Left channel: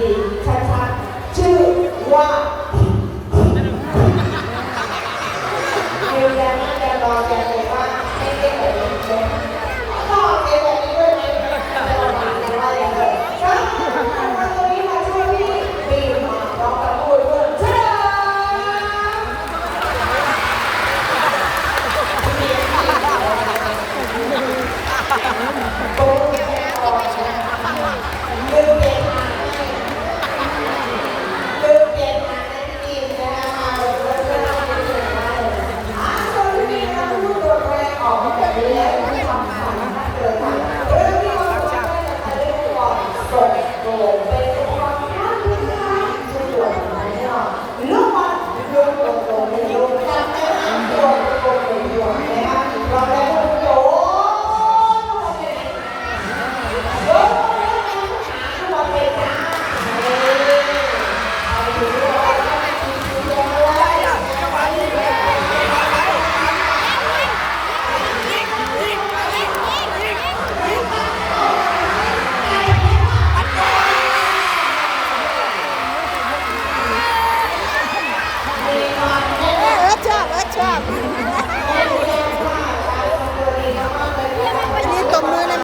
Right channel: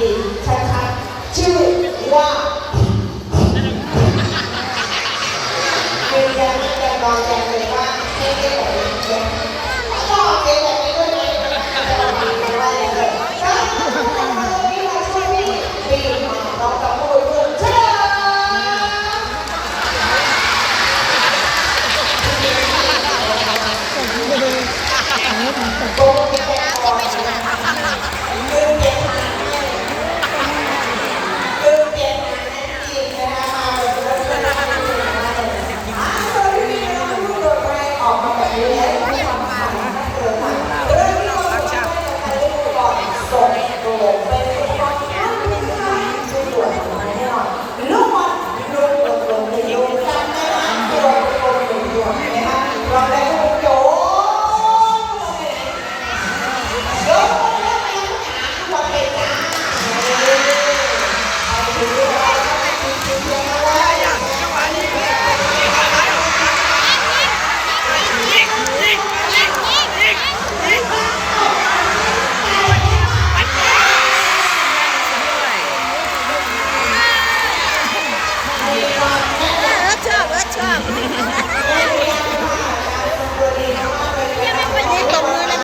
ดีใช้ Yeah.